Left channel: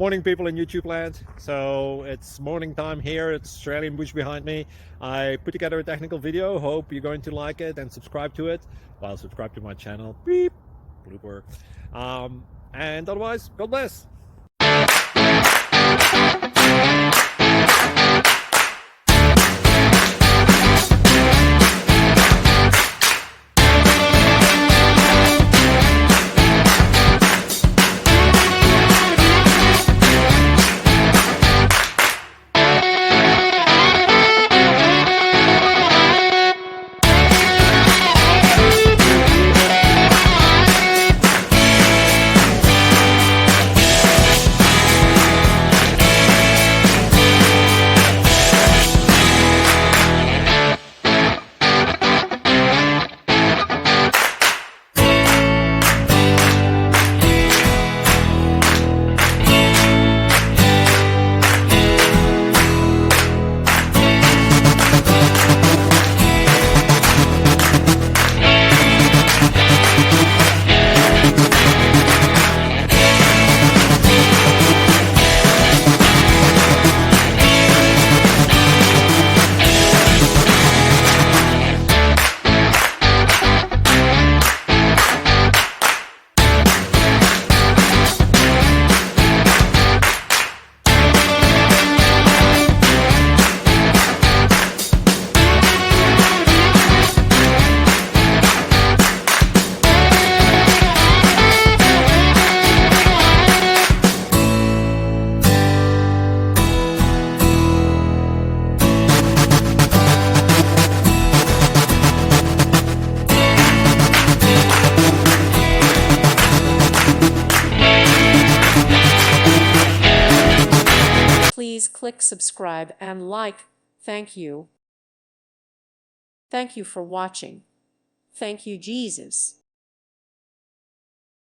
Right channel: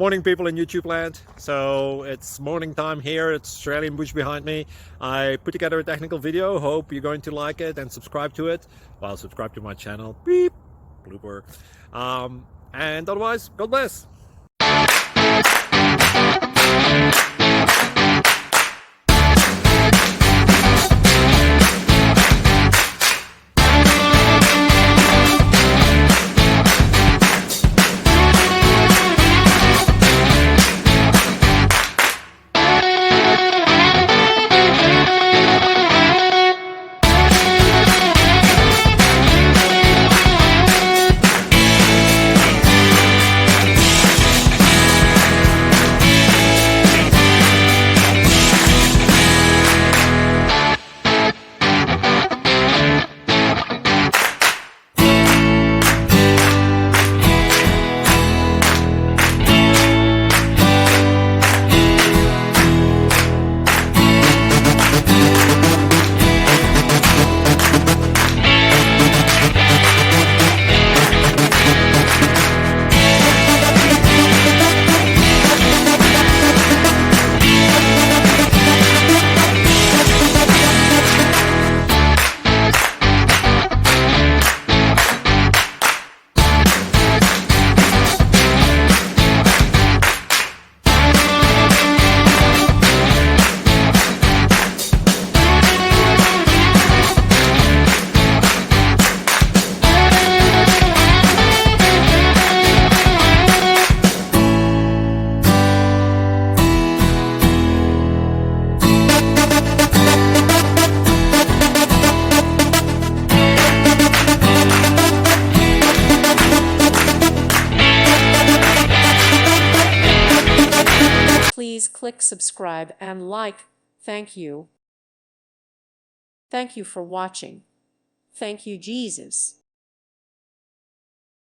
Morning, people in YouTube land. So it's morning time here. It's Australian bush behind me. I put together a technical video. Hope you're going to like it and subscribe to it. Well, subscribe to my channel. Beep, blooper. And otherwise, God bless. Please click subscribe and like. Thank you. Thank you for watching. Thank you, Jesus.